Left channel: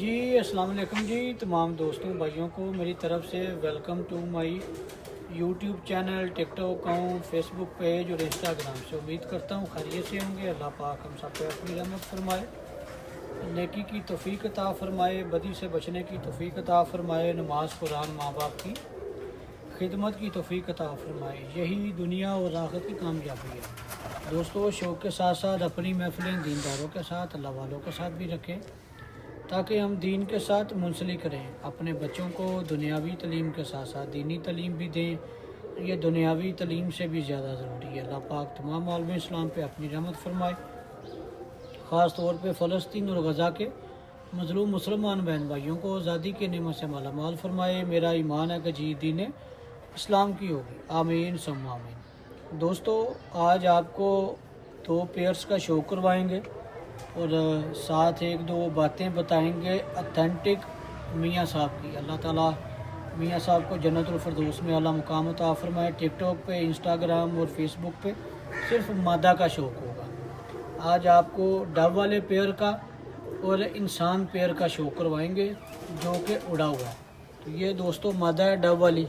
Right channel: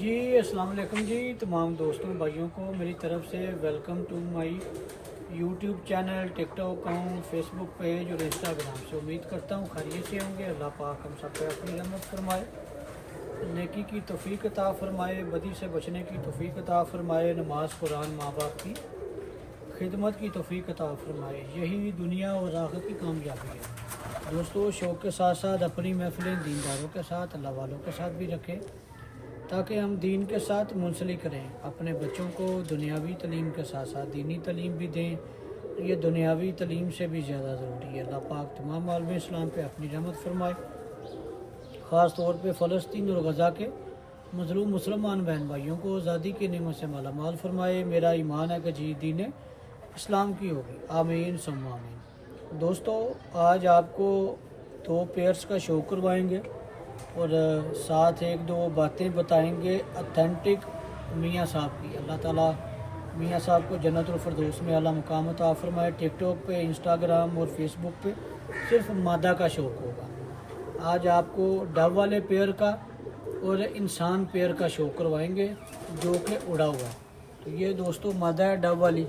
जी अस्सलाम वालेकुम जी। तमाम दोस्तों भाइयों को मेरी तरफ से welcome to my YouTube channel, TikTok account, Facebook page और इंस्टाग्राम से। उम्मीद करता हूँ खैरियत से होंगे। अल्लाह पाक हम सब पे अपनी रहमत फरमाए, नेकी की तौफीक अता फरमाए, बदी से बचने की तौफीक अता फरमाए, नमाज कुरान माँ बाप की खिदमत की तौफीक अता फरमाए। यही दुनिया और आखिरत की कामयाबी है। दोस्तों शौक़ के साथ साथ अपनी महफिलें दीनदारों के साथ, अल्लाह वालों के साथ भी रखें ताकि हम दीन के साथ मुंसलिक करें। अपने बच्चों को दुनियावी तलीम के साथ साथ दीनी तलीम भी दें। ये दुनियावी तलीम से भी ज़्यादा ज़रूरी है। अल्लाह पाक तमाम आलम इस्लाम पे अपनी रहमत फरमाए, ख़ास तौर पे फ़लस्तीन और गज़ा के मज़लूम मुसलमान बहन भाइयों को आज़ादी के नेमत से माला माल फरमाए। मेरा ईमान है कि जी दीन इस्लाम की होगी। आमीन सुम्मा आमीन। दोस्तों आज आपको 2 पेयर्स का शो करवाएंगे और साथ एक दो बातें बताएंगे ऑथेंटिक मियाँ साहब की। अल्लाह ताला मियाँ साहब को जन्नतुल फिरदौस में आला मुकाम अता फरमाए। टिकटॉक पे, इंस्टाग्राम और फेसबुक पे सिर्फ मादा का शौक़ होगा। आज आपको डब वाले पेयर का और इंसान पेयर का शो करवाएंगे जो कि उड़ा हुआ है। तो ये दोस्तों मादा है डब वाली।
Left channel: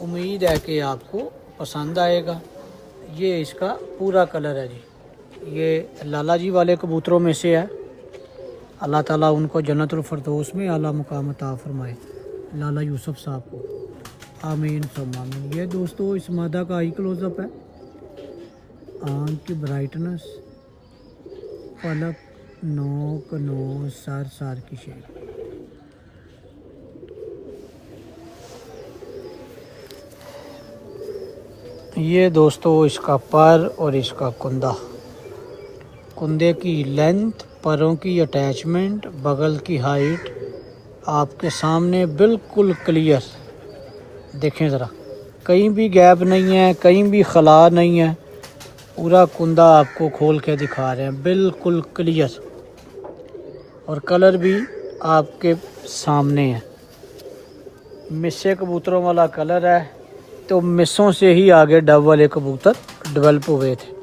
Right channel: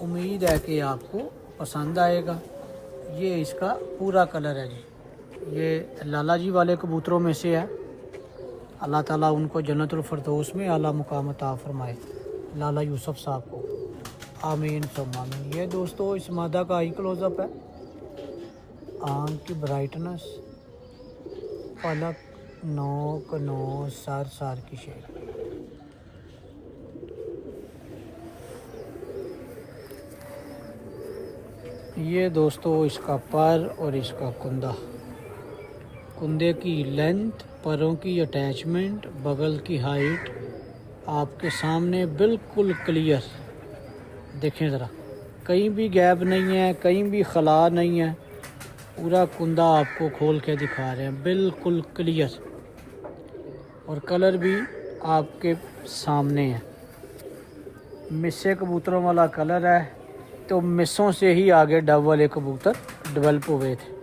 उम्मीद है कि आपको पसंद आएगा। ये इसका पूरा कलर है जी। ये लाला जी वाले कबूतरों में से है। अल्लाह ताला उनको जन्नतुल फिरदौस में आला मुकाम अता फरमाए, लाला यूसुफ साहब को। आमीन सुम्मा आमीन। ये दोस्तों इस मादा का आई क्लोजअप है। आँख की ब्राइटनेस, पलक, नोक, नोज, सर की शेप। ये दोस्तों इसका पर और इसका कुंदा, कुंदे की लेंथ, परों की अटैचमेंट, बगल की हाइट आपके सामने बिल्कुल क्लियर। देखें ज़रा, कहीं भी गैप नहीं है, कहीं भी खला नहीं है। पूरा कुंदा आपको खोल के दिखा रहे हैं, बिल्कुल क्लियर। और कलर भी आपके सामने है। मिस्से कबूतरों वाला कलर है, तो मिस्सों से ही आगे डब वाले कबूतर डेवलप हुए थे।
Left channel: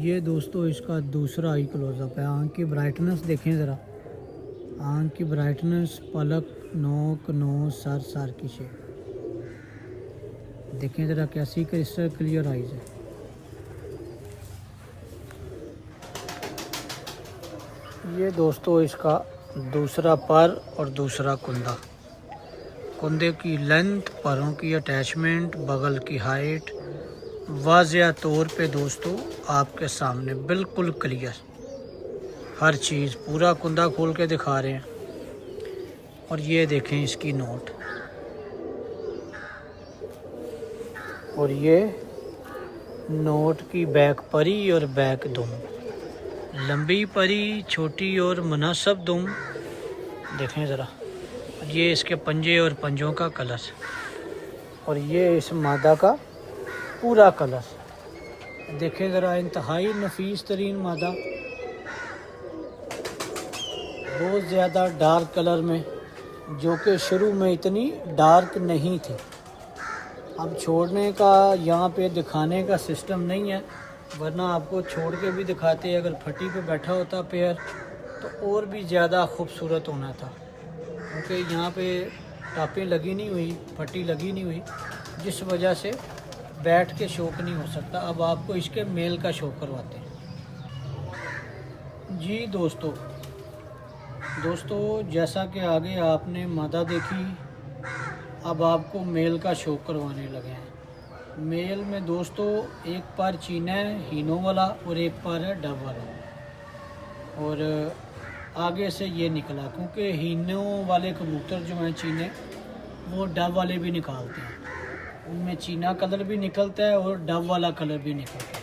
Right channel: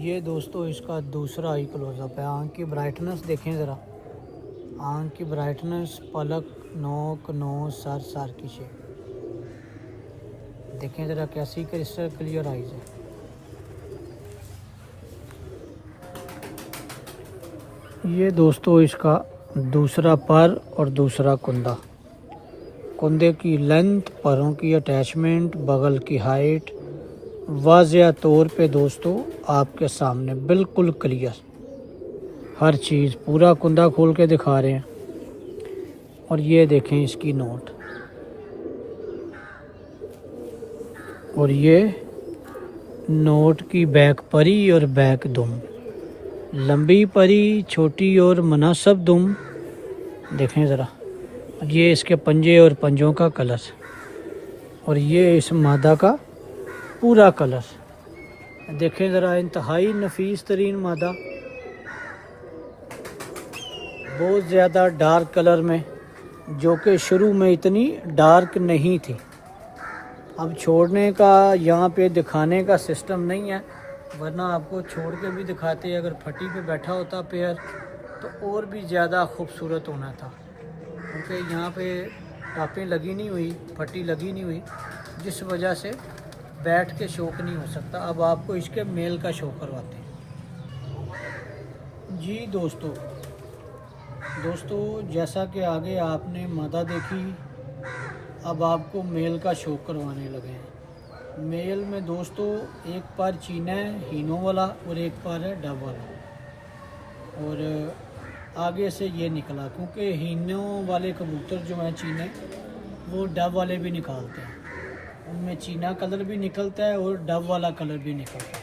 ये दोस्तों इसका दूसरा आई क्लोजअप है। आँख की ब्राइटनेस देखें ज़रा, आँख की ब्राइटनेस, पलक, नोक, नोज, सर की शेप। देखें ज़रा कैसी क्रिस्टल क्लियर आइज़ है। ये दोस्तों इसका दूसरा पर और दूसरा कुंदा, कुंदे की लेंथ, परों की अटैचमेंट, बगल की हाइट वाज़िया तौर पे दोस्तों आपके सामने बिल्कुल क्लियर। हर चीज़ पूरा कुंदा खोल के दिखा रहे हैं। और ये देखें इसकी नोट, और ये नोट की बैक परी और बैक दुम, लंबी परी, छोटी और मुनासिब दुम। देखें ज़रा, ये इसके पंजे और पंजों का कलर, और ये इस मादा का पूरा कलर। देखें ज़रा, इंतहाई नफीस तरीन मादा, बहुत ज़्यादा डार्क कलर में, जो कि शुरू में इतनी डार्क नहीं थी। अब छोड़ने का यहाँ पे दिखाने का सिस्टम नहीं है, वरना आपको छोड़ के भी दिखाते। अगर फटी पे बैठा होता पेयर तो और भी ज़्यादा खूबसूरत होना था, क्योंकि यहाँ पे टापें लगी नहीं हुई, फटी लगी नहीं हुई, जिस वजह से बैठ के शौक नहीं हो सकता। अब आपको इसके मेल का शौक करवाते हैं जी। दोस्तों जैसा कि आगे आपने मादा देखी, अब आपको मेल का शौक करवाने लगे हैं। मेल में दोस्तों एक पर चीना है हीनो वाला और एक पर है डब वाला। और आगे से ये निकला, क्योंकि हीनो वाले कबूतर जो हैं चीने, वो डब वाले भी निकालते हैं। उनमें चीना कलर भी निकलता है और डब वाला कलर भी निकलता है।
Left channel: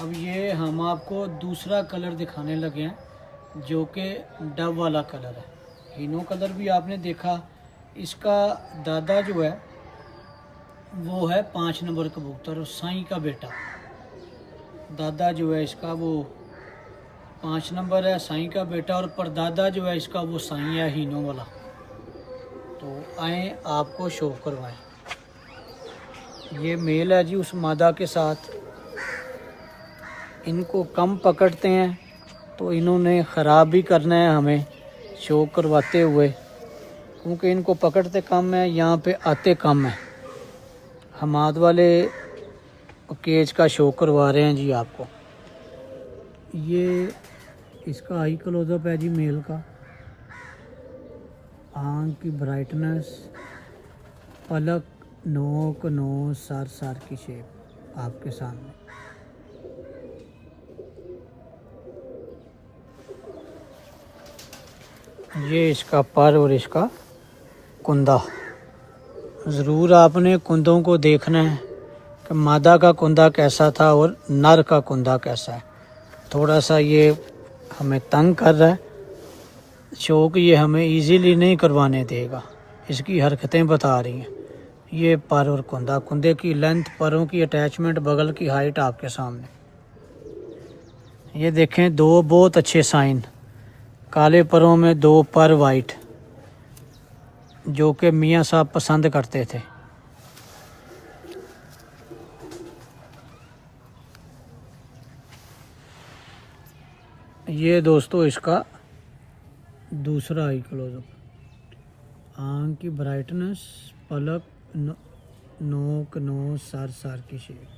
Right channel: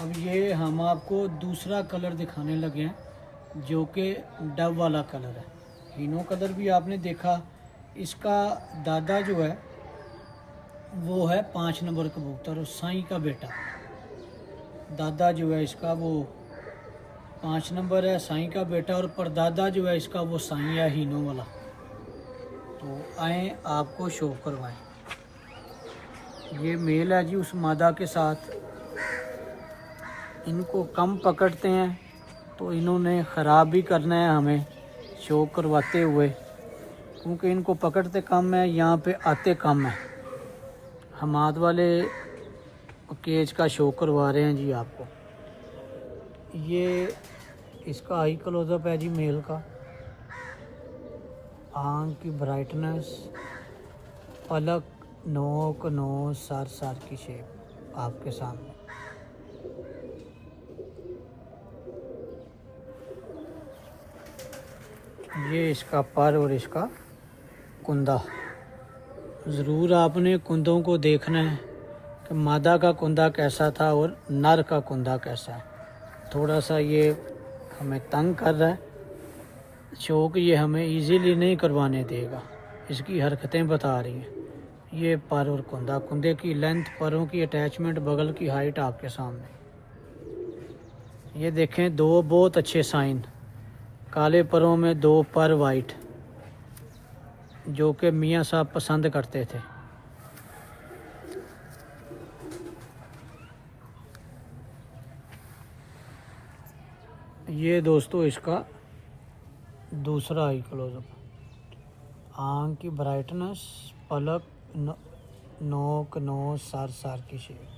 अब ये हम आपको दूसरा कलर दिखाने लगे हैं, जो कि डब वाला कलर है। हीनो कलर भी आपने देखा। इसका दादा जो है वो है 5 नंबर कबूतर और साईं का बेटा। दादा जो है इसका वो 5 नंबर है, साईं का बेटा, और परदादा जो है इसका वो साईं है हीनो वाला। तो आए आपको शो करवाएं। ये मेल है जी उस मादा के साथ। इनको कम पकड़ते हैं तो इन्होंने ख़राब भी करना है हमें शो करवाते हुए, क्योंकि इनको पकड़ते कम है, यहाँ पे आते कम है। हमाद वाले केज का शो करवा रहे हैं जी आपको। ये इसका हाई क्लोजअप है जी मेल का। आँख की ब्राइटनेस, पलक, नोक, नोज, सर की शेप आपके सामने। ये इसका पर और इसका कुंदा। ज़रूर आपने कुंदों को देखना है कि मादा का कुंदा कैसा था और नर का कुंदा कैसा है। थोड़ा सा ये हमें तंग कर रहा है, शौक ये हमें इजीली नहीं करवाने देगा, इसकी हरकतें बता रही हैं। ये पर और कुंदा, कुंदे की लेंथ, परों की अटैचमेंट, बगल की हाइट आपके सामने। ये देखें, दो बहुत अच्छे साइन, काले परों में दो पर वाइट, जो कि मियाँ साहब पसंद करते थे। ये दोस्तों इसका दूसरा आई क्लोजअप। आँख की ब्राइटनेस, पलक, नोक, नोज, सर की शेप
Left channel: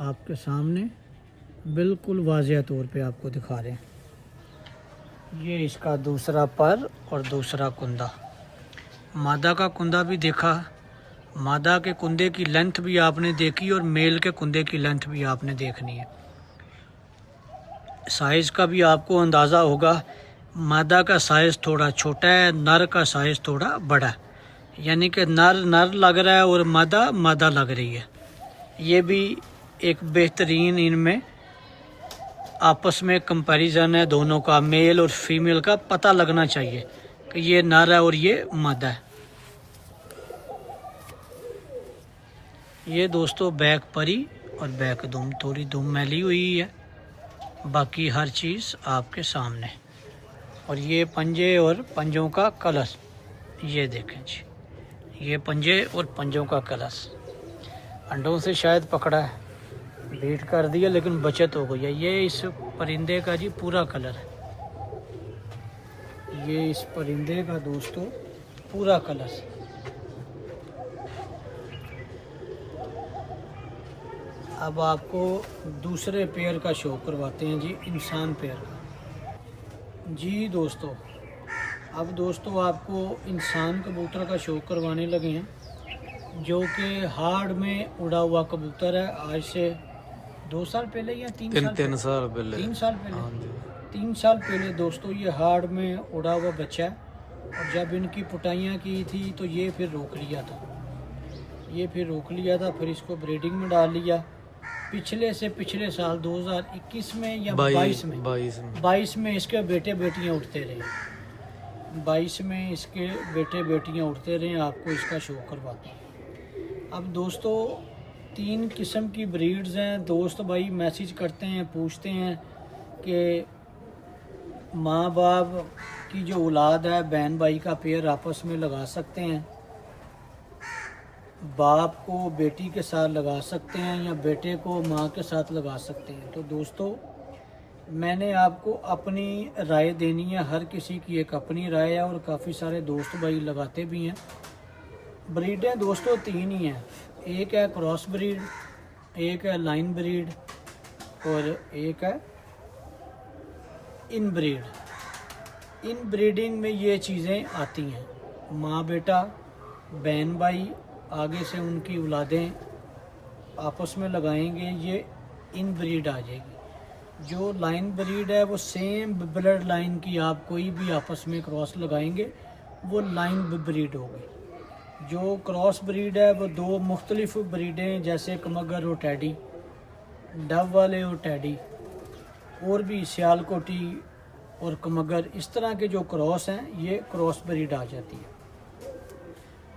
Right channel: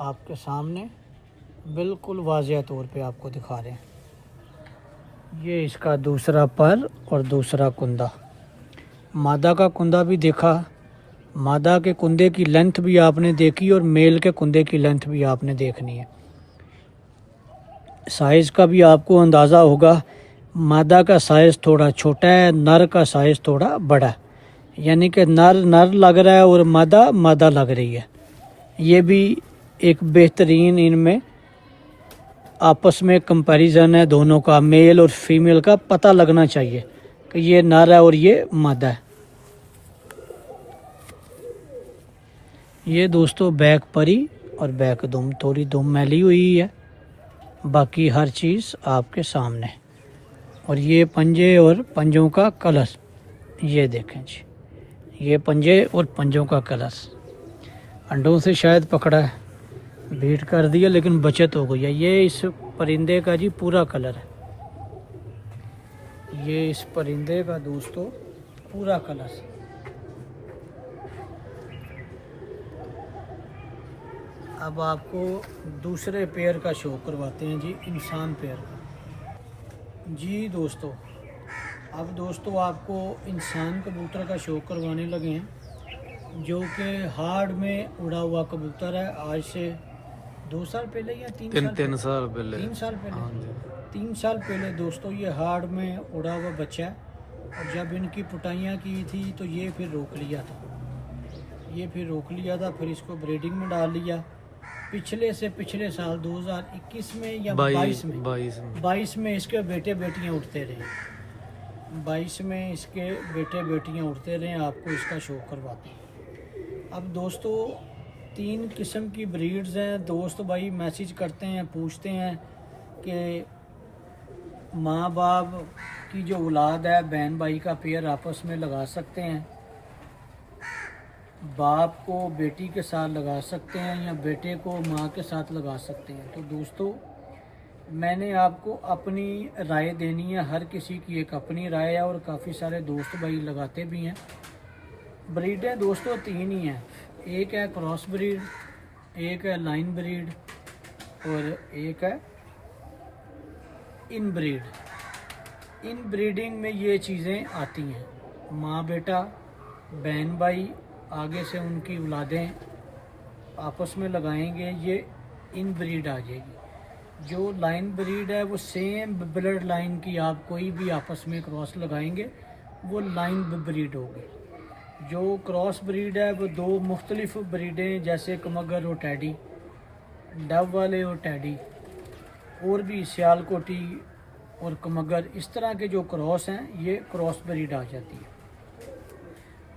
आपके सामने बिल्कुल वाज़िया तौर पे आपको दिखा रहे हैं। ये इसका दूसरा पर और दूसरा कुंदा। मादा का कुंदा भी देखा, मादा के कुंदे की लेंथ भी आपने देखी और मेल के कुंदे की लेंथ भी आपने देखनी है। साइज़ का भी आपको अंदाज़ा होगा, मादा का साइज़ थोड़ा छोटा है, नर का साइज़ थोड़ा बड़ा है, यानी कि नर लग रहा है और मादा लग रही है। ये भी एक बेहतरीन इनमें आपस में कंपैरिजन है दोनों का, मेल और फीमेल का पता लगना चाहिए कि ये नर है और ये मादा है। ये दोस्तों बैक परी और बैक दुम, थोड़ी दुम मैली हुई है, बाकी हर चीज़ आपके सामने। और ये पंजे और पंजों का कलर, ये देखें जी, ये पंजे और पंजों का कलर। अंडों से शायद पकड़ा है, बीट कर दिया लेकिन बचत हो गई है। ये इस परिंदे का जी पूरा कलर है, ये इस परिंदे का दोस्तों पूरा कलर। अब आपको दूसरे पेयर का शो करवाते हैं जी, इंसान पेयर का। जी दोस्तों, अब दोस्तों आपको इंसान कबूतर का शो करवाने लगे हैं, जो कि हार्ड में उड़ा हुआ कबूतर है। आज से 2 साल पहले या 3 साल पहले 3 साल पहले 3 साल पहले दोस्तों ये हार्ड में उड़ा हुआ बच्चा है। और जब इनकी पुटाइयाँ की थी तो ये फिर रोक लिया था, फिर इसको ब्रीडिंग में डाल लिया। पिछले पिछले साल 2021 में या 22 में इसके बेटे बेटियाँ उठते रहे। 22 में इसके बेटे बेटियाँ उठते रहे। आपको इसका शो करवाते हैं। अब दोस्तों 3 किस्म की ब्रीड्स हैं। दोस्त भाई मैसेज करते हैं, पूछते हैं कि माँ बाप की जो औलाद है, बहन भाई का पेयर आपस में लगा सकते हैं, बाप को बेटी के साथ लगा सकते हैं या बेटे को माँ के साथ लगा सकते हैं। तो दोस्तों मैंने आपको अपनी राय देनी है, हर किसी की एक अपनी राय है और काफ़ी सारे दोस्त भाई लगाते भी हैं। ब्रीडें दोस्तों 3 ही हैं, एक है क्रॉस ब्रीड, एक है लाइन ब्रीड और एक है इन ब्रीड। इन ब्रीडिंग में ये चीज़ें आती हैं, माँ बेटा, बहन भाई, आगे से उनकी औलादें आपस में लगाएंगे, ये इन ब्रीड आ जाएगी। जो लाइन ब्रीड है वो सेम ब्लड लाइन की, आप कोई भी आपस में क्रॉस लगाएंगे वो लाइन ब्रीड होगी। जो क्रॉस ब्रीड है वो 2 मुख्तलिफ ब्रीडें, जैसे कमगर और टैडी, डव वाले और टैडी, और भी सियालकोटी और कमगर, इस तरह के जो क्रॉस हैं ये क्रॉस ब्रीड आ जाती है।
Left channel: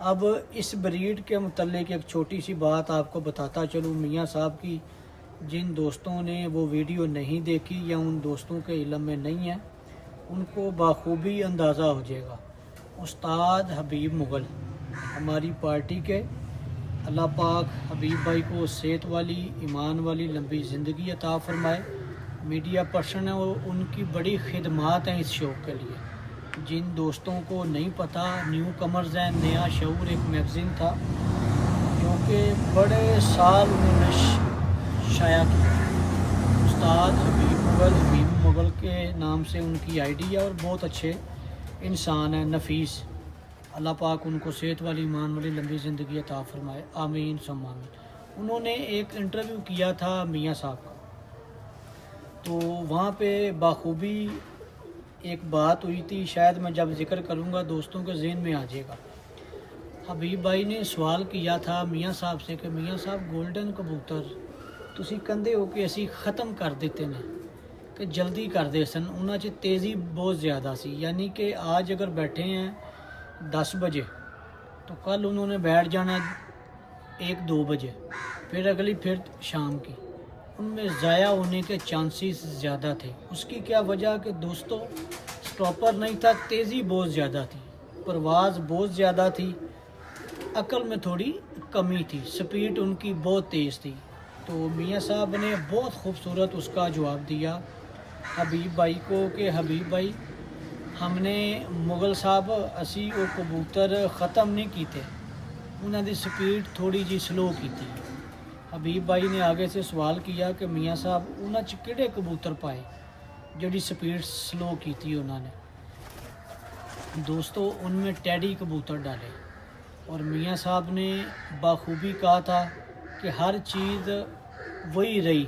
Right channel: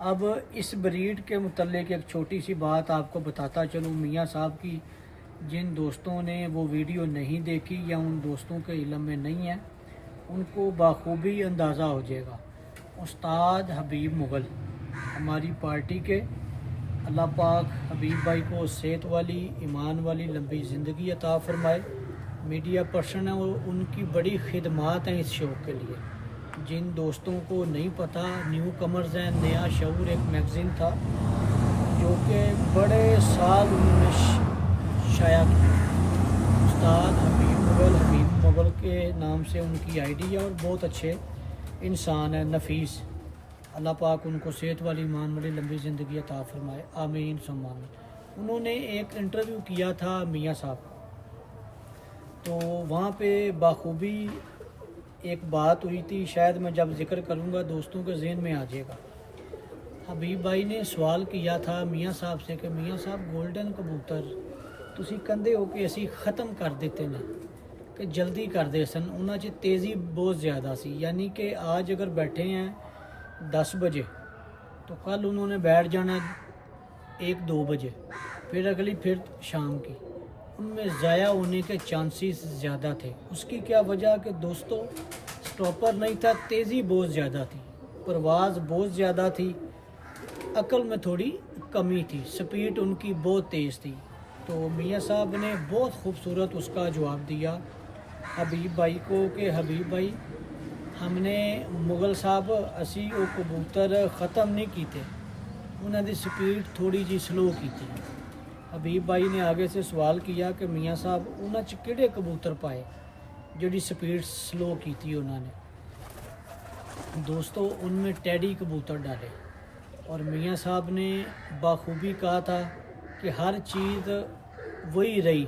अब इस ब्रीड के मुतल्लिक एक छोटी सी बात आपको बताता चलूँ। मियाँ साहब की जिन दोस्तों ने वो वीडियो नहीं देखी या उन दोस्तों के इल्म में नहीं है, उनको बाखूबी अंदाज़ा हो जाएगा। उस्ताद हबीब मुग़ल हमारी पार्टी के अल्लाह पाक हबीब भाई को सेहत वाली, ईमान वाली लंबी ज़िंदगी अता फ़रमाए। मीडिया पर्सन है और उनकी बड़ी खिदमात हैं इस शो के लिए। जिन दोस्तों को नहीं पता, न्यू कमर्स हैं, नया शऊर एक मैगज़ीन था जो कि बड़े साल उन्होंने शाया किया। उस्ताद हबीब मुग़ल के नाम से उनकी आईडी है और बहुत अच्छे इंसान है, नफीस। अल्लाह पाक उनको सेहत वाली, ईमान वाली लंबी ज़िंदगी अता फ़रमाए, आमीन सम आमीन। उन्होंने एक इंटरव्यू किया था मियाँ साहब का, तो वहाँ पे बाखूबी एक बात हुई थी, शायद मैं जब जिक्र करूँगा दोस्तों के ज़हन में आ जाएगा। हबीब भाई ने सवाल किया था मियाँ साहब से कि मियाँ साहब गोल्डन कबूतर तुसी कहंदे हो कि असी ख़त्म कर देते हैं कि जल्दी कर दे सन, उन्हां च तेज़ी बहुत ज़्यादा सी। यानी कि आज अगर बैठे हैं 10 बजे तो कल उन्होंने बैठ जाना 1-2 बजे, फिर अगली फिर शाम की। उनमें ज़ाया होने के चांसेस ज़्यादा थे। उसकी क्या वजह कि दोस्तों स्टॉपर नहीं था, तेज़ी बहुत ज़्यादा थी, परवाज़ बहुत ज़्यादा थी, अकल में थोड़ी कमी थी, स्पीड उनकी बहुत तेज़ थी। तो मियाँ साहब ने बहुत खूबसूरत उसका जवाब दिया हबीब भाई को कि हबीब भाई हमने मुग़ल साहब असी वो कबूतर ख़त्म नहीं किए, उन्होंने स्पीड थोड़ी जी स्लो की थी। हबीब भाई ने आगे से सवाल किया कि मियाँ साहब उन्होंने च किहड़े कबूतर पाए जिहड़ी स्पीड स्लो की थी उन्होंने। दोस्तों उनमें टैडी कबूतर डाले और मियाँ साहब ने बाखूबी कहा था कि हर चीज़ वही रही,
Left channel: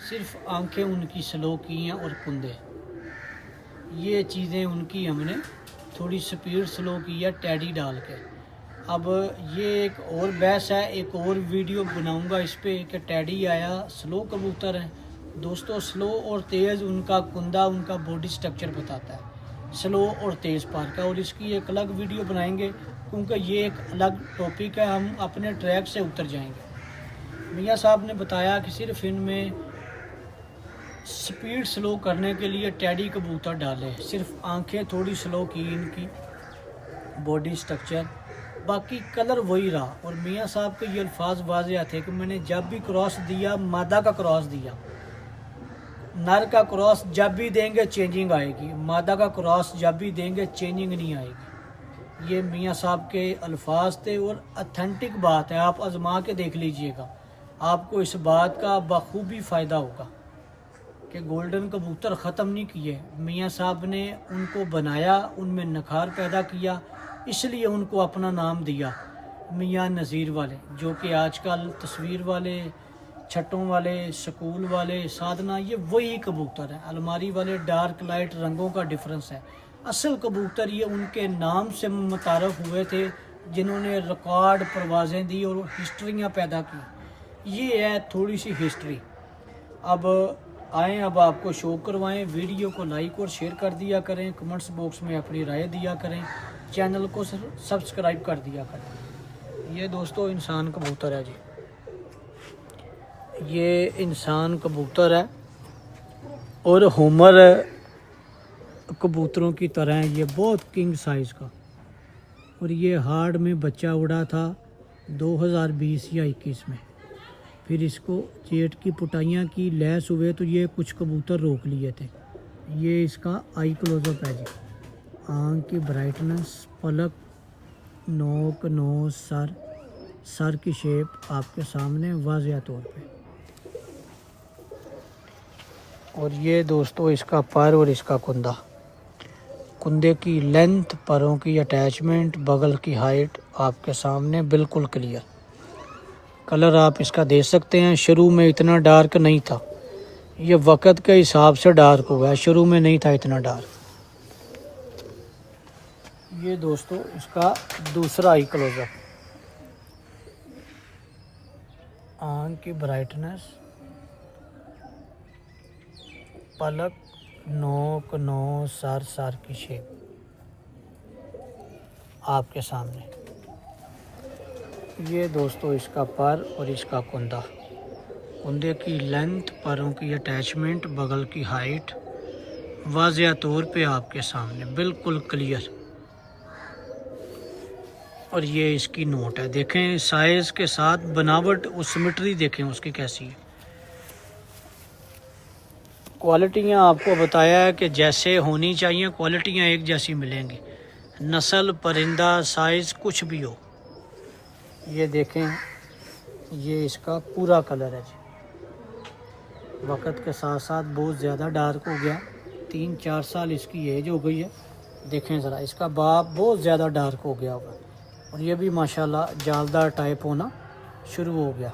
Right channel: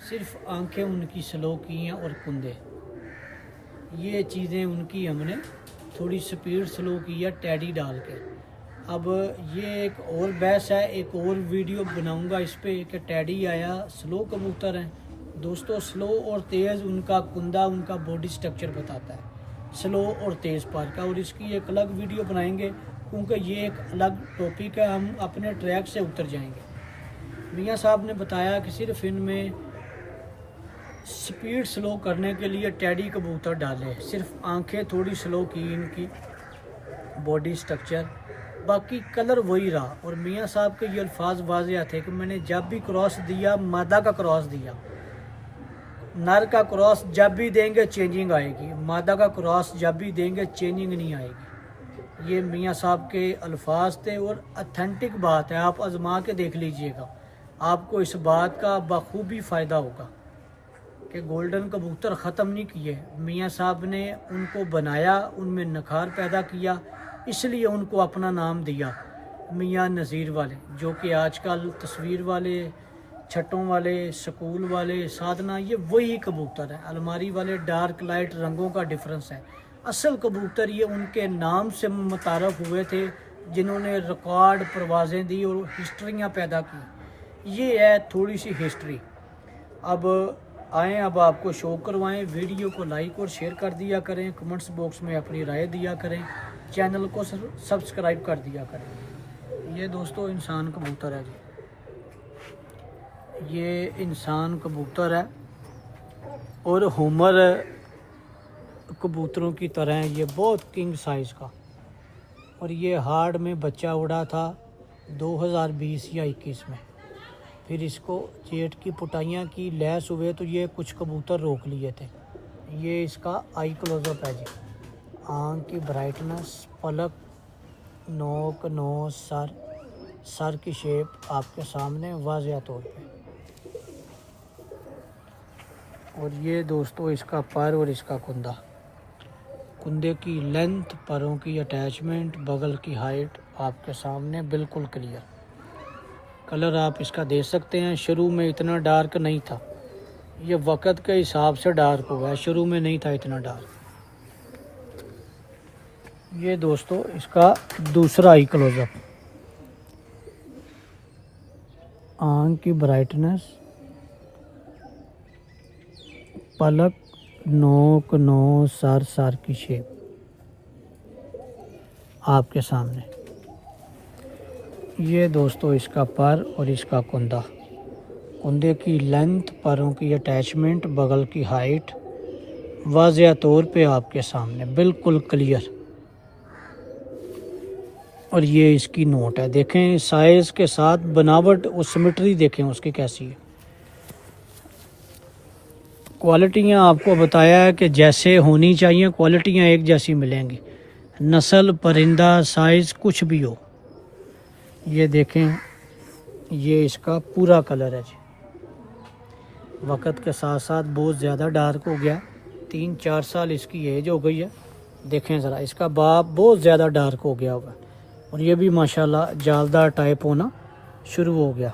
सिर्फ आंखें उनकी स्लो की हैं और कुंदे, ये चीज़ें उनकी हमने थोड़ी स्पीड स्लो की है टैडी डाल के। अब ये एक और बहस है, एक और वीडियो बनाऊंगा इस पे कि टैडी आया स्लो कबूतर हैं। दोस्तों स्लो और तेज़ उनका कुंदा, उनका बॉडी स्ट्रक्चर बताता है स्लो और तेज़ पार का, और इसकी एक अलग वीडियो बनाएंगे क्योंकि ये एक अलग टॉपिक है, हम अपने ट्रैक से उतर जाएंगे। मियाँ साहब ने बताया कि सिर्फ इनमें स्पीड स्लो करने के लिए टैडी कबूतर डाले, सिर्फ आंखें थोड़ी स्लो की इनकी, बॉडी स्ट्रक्चर, बाकी कलर वही रहा। और मियाँ साहब के ये अल्फाज वाज़ेह थे कि मैंने जब भी क्रॉस दिया, मादा का क्रॉस दिया, नर का क्रॉस जब भी देंगे चेंजिंग आएगी, मादा का क्रॉस जब भी देंगे चेंजिंग नहीं आएगी। ये मियाँ साहब के अल्फाज थे और अथेंटिक बात है, आप आजमा के देख लीजिएगा, आपको इस बात का बखूबी फ़ायदा होगा कि गोल्डन कबूतर ख़त्म नहीं किए। मियाँ साहब ने उनको बनाया, उनमें नखार पैदा किया, इसलिए उनको अपना नाम दिया मियाँ नज़ीर वाले, जो कि आजकल तस्वीर वाले, छट्टों वाले, स्कूल वाले, साधना, ये वही कबूतर हैं। अलमारी वाले डार्क लाइट रंगों का डिफरेंस है। असल कबूतर ये उनके नाम से मुतारफ़ हुए थे जिन्होंने रिकॉर्ड परवाज़ें दी और हिस्ट्रियाँ पैदा की। ये है थोड़ी सी हिस्ट्री। अब आएँ, अब आपको शो करवाएं। वीडियो को लाइक और शेयर कर दिया करें, कमेंट्स बॉक्स में अपनी राय दिया करें, चैनल को सब्सक्राइब कर दिया करें। ये दोस्तों इंसान कबूतर है जी, ये इंसान कबूतर है और होमर कबूतरों की तरह है, ये बहुत किंग साइज़ का। और ये हार्ड में बच्चा उड़ा था 2020 या 21 में, फिर इसको जेट की पुटाइयाँ की, लैस हुए तो ये कुछ कबूतर रोक लिए थे। ये इसका आई क्लोजअप है जी, आँख की ब्राइटनेस, पलक, नोक, नोज, सर की शेप आपके सामने वाज़ेह तौर पे। और ये दोस्तों इसका पर और इसका कुंदा, कुंदे की लेंथ, परों की अटैचमेंट, बगल की हाइट आपके सामने बिल्कुल क्लियर। कलर आप इसका दे सकते हैं, शुरू में इतना डार्क नहीं था, ये वक्त के हिसाब से डार्क हुआ है, शुरू में नहीं था इतना डार्क। ये दोस्तों इसका दूसरा आई क्लोजअप, आँख की ब्राइटनेस, पलक, नोक, नोज, सर की शेप आपके सामने। ये दोस्तों इसका पर और इसका कुंदा, कुंदे की लेंथ, परों की अटैचमेंट, बगल की हाइट वाज़ेह तौर पे आपके सामने बिल्कुल क्लियर। और ये इसकी नोट है, देखें साइज़ के साथ बनावट और सिमेट्री देखें उसकी कैसी है। क्वालिटियाँ आपको बताया है कि जैसे होनी चाहिए, क्वालिटियाँ एक जैसी मिलेंगी, नस्ल परिंदा साइज़ कुछ भी हो। ये देखें, ये इसका पूरा कलर है जी। वक्त के साथ साथ बहुत ज़्यादा डार्क हो गया, 3-4 साल इसकी एज हो गई है। देखें ज़रा, इसका बाप बहुत ज़्यादा डार्क हो गया हुआ, और ये भी माशाल्लाह जालदार टाइप होना शुरू हो गया।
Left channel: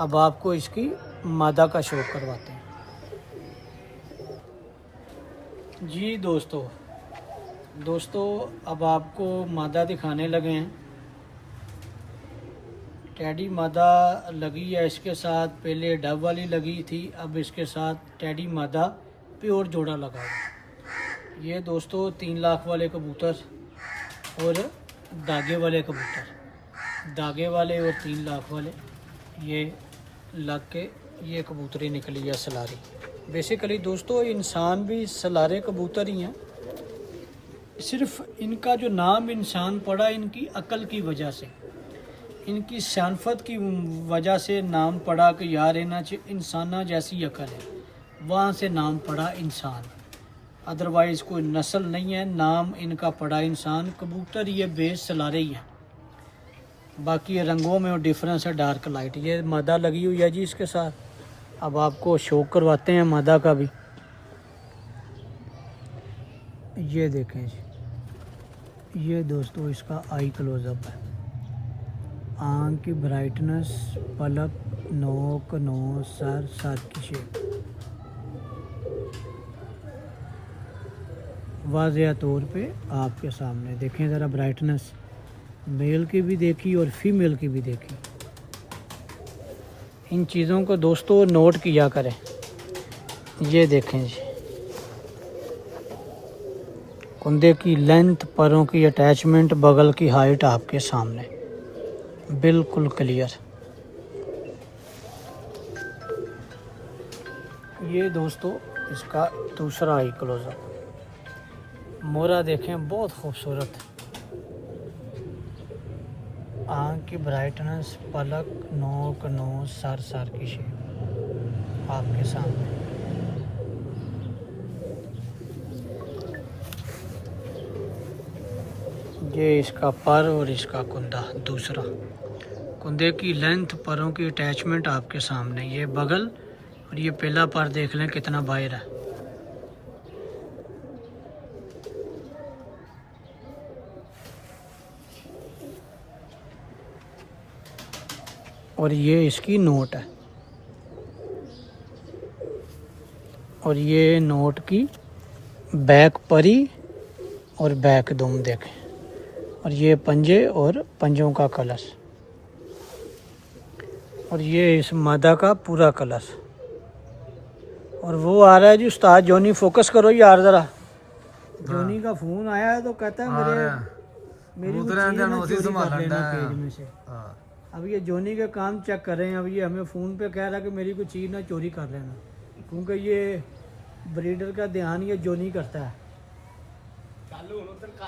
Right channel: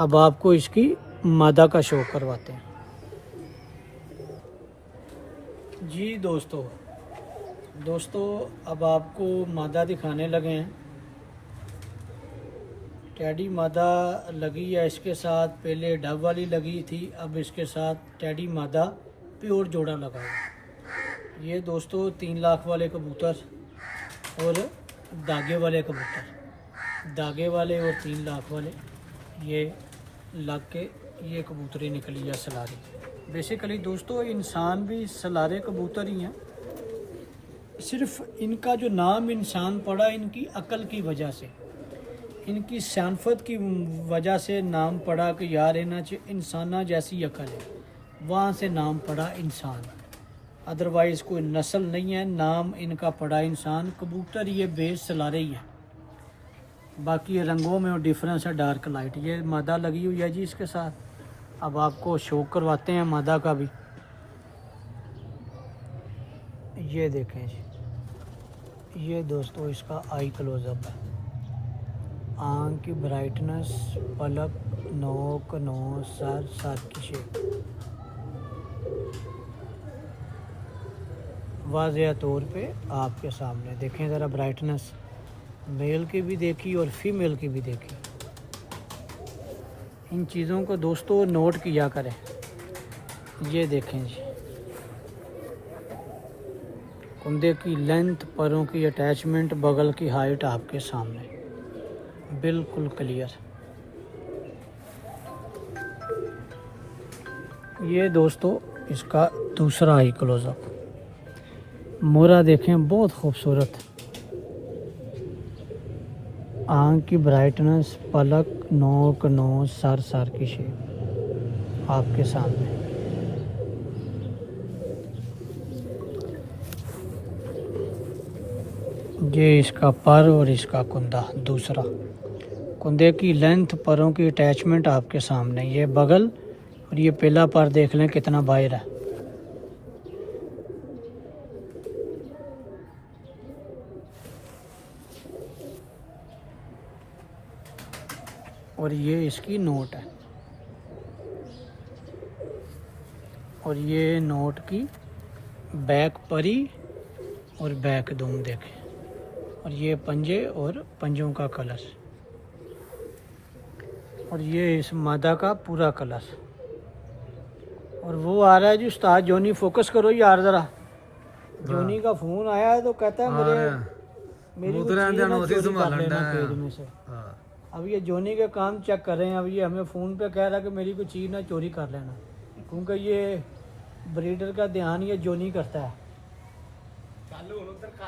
अब आपको इसकी मादा का शो करवाते हैं जी। दोस्तों अब आपको मादा दिखाने लगे हैं। टैडी मादा लगी है इसके साथ, पहले डब वाली लगी थी, अब इसके साथ टैडी मादा प्योर जोड़ा लगा हुआ। ये दोस्तों 3 लाख वाले कबूतर और धागे वाले कबूतर, धागे वाले और 3 लाख वाले, ये लग के ये कबूतरी निकली है सलारी। बेसिकली दोस्तों इंसान भी सलारे कबूतर ही हैं, सिर्फ इनका जो नाम इंसान पड़ा इनकी अकल की वजह से, इनकी शानफत की वजह से नाम पड़ा कि यार इंसाना जैसी अकल है, वहाँ से नाम पड़ा इंसान। अदरवाइज़ कोई नस्ल नहीं है, नाम इनका पड़ा इंसान। कबूतर ये बेस सलारे ही हैं, बाकी रंगों में डिफरेंस है, डार्क लाइट। ये मादा लगी हुई है जी इसके साथ। अब आपको शो करवाते हैं मादा का भी। ये देखें जी, ये दोस्तों इसका आई क्लोजअप है। आँख की ब्राइटनेस, पलक, नोक, नोज, सर की शेप वाज़ेह तौर पे आपके सामने। देखें ज़रा ब्राइटनेस, मेल की भी देखी और फीमेल की भी देखी। इन चीज़ों को दोस्तों नोट किया करें। ये देखें जी, कुंदे की लेंथ, परों की अटैचमेंट, बगल की हाइट आपके सामने बिल्कुल क्लियर। ये दोस्तों इसका दूसरा आई क्लोजअप। मोरा देखें बहुत खूबसूरत, आँख की ब्राइटनेस, पलक, नोक, नोज, सर की शेप आपके सामने। ये इसका पर और इसका कुंदा दूसरा। कुंदे की लेंथ, परों की अटैचमेंट आपके सामने। ये बगल और ये पहला पर देख लें कितना बाहर है। और ये इसकी नोट है, और ये नोट की बैक परी और बैक दुम देखें, और ये पंजे और पंजों का कलर, और ये इस मादा का पूरा कलर। और वो आ रहा है जी उस्ताद जोनी, फोकस करो यार ज़रा। जोनी का फ़ोन आया है तो कहता है अब ये जोनी का काम चेक कर रहे हैं। अब ये हमें फ़ोन पे कह रहा है कि मेरी कोई चीज़ ना चोरी कर लेना, क्योंकि ये ब्रीडर का ध्यान ये जोनी करता है।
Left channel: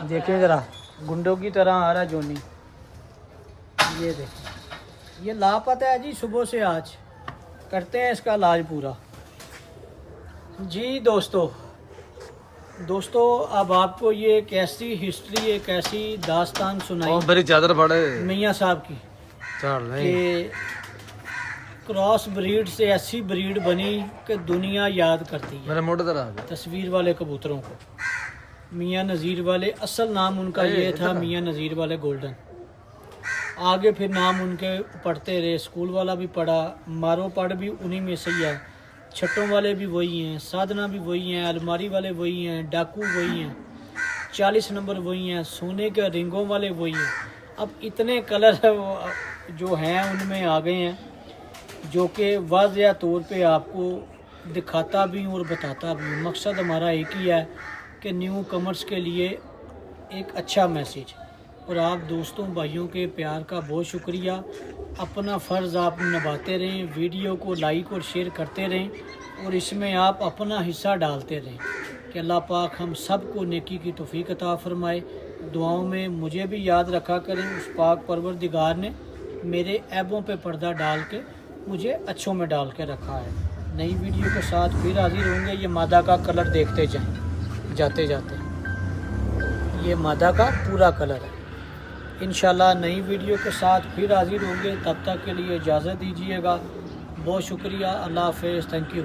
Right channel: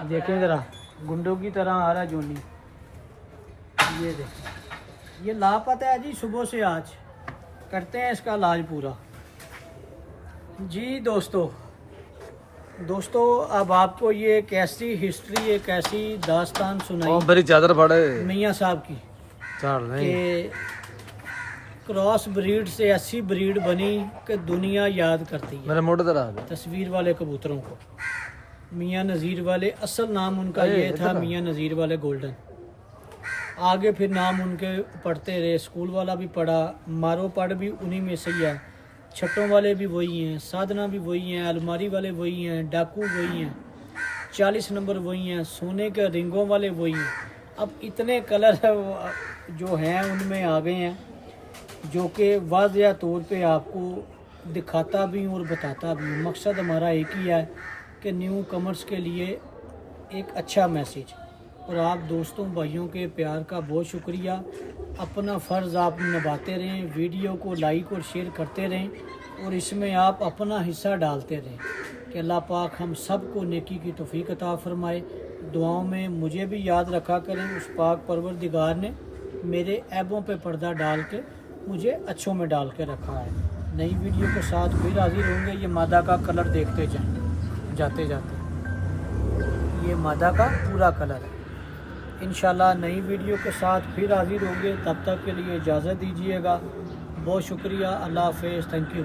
देखें ज़रा, गुंडों की तरह आ रहा है जोनी। ये देखें, ये लापता है जी सुबह से, आज करते हैं इसका इलाज पूरा जी। दोस्तों अब आपको ये कैसी हिस्ट्री, एक ऐसी दास्तान सुनाई मेरी चादर पड़े मियाँ साहब की कि क्रॉस ब्रीड से ऐसी ब्रीड बनी कि दुनिया याद करती है। मेरे मोटे तरह तस्वीर वाले कबूतरों को मियाँ नज़ीर वाले, असल नाम उनका ये था मियाँ नज़ीर वाले गोल्डन। आगे फिर नाम उनके पढ़ते रहे, स्कूल वाला भी पढ़ा, मारो पढ़ भी उन्हीं में से ही है, छट्टों वाले भी वही हैं, साधना भी वही हैं, अलमारी वाले वही हैं, डाकू वही हैं, 40 नंबर वही हैं, सोने के रिंगों वाले वही हैं। अब इतने कलर जो हैं उनमें आ गए हैं, जो कि वाज़ेह तौर पे आपको दिखाता भी हूँ और बताता भी हूँ। मकसद हमारा एक ही है कि न्यू कमर्स के लिए एक अच्छा मैसेज। और आप दोस्तों भाइयों के प्यार का बहुत शुक्रिया। अपना फ़र्ज़ आप निभाते रहें, वीडियो को लाइक और शेयर करते रहें, और इसमें आप अपना हिस्सा डालते रहें कि अल्लाह पाक हम सब को नेकी की तौफीक अता फ़रमाए। दुआओं में मुझे भी याद रखा करें। उस पाक परवरदिगार ने मेरे ऐबों पे पर्दा डाल के मुझे अच्छों में डाल के रखा है। नई वीडियो के साथ फिर हाजिर होंगे। ये मादा का कलर देखते जाएं जाते जाते, ये मादा का पूरा कलर है। इंशाल्लाह नई वीडियो के साथ फिर हाजिर होंगे। तब तक के लिए इजाज़त दीजिएगा। बहुत शुक्रिया। अल्लाह हाफ़िज़। Thank you.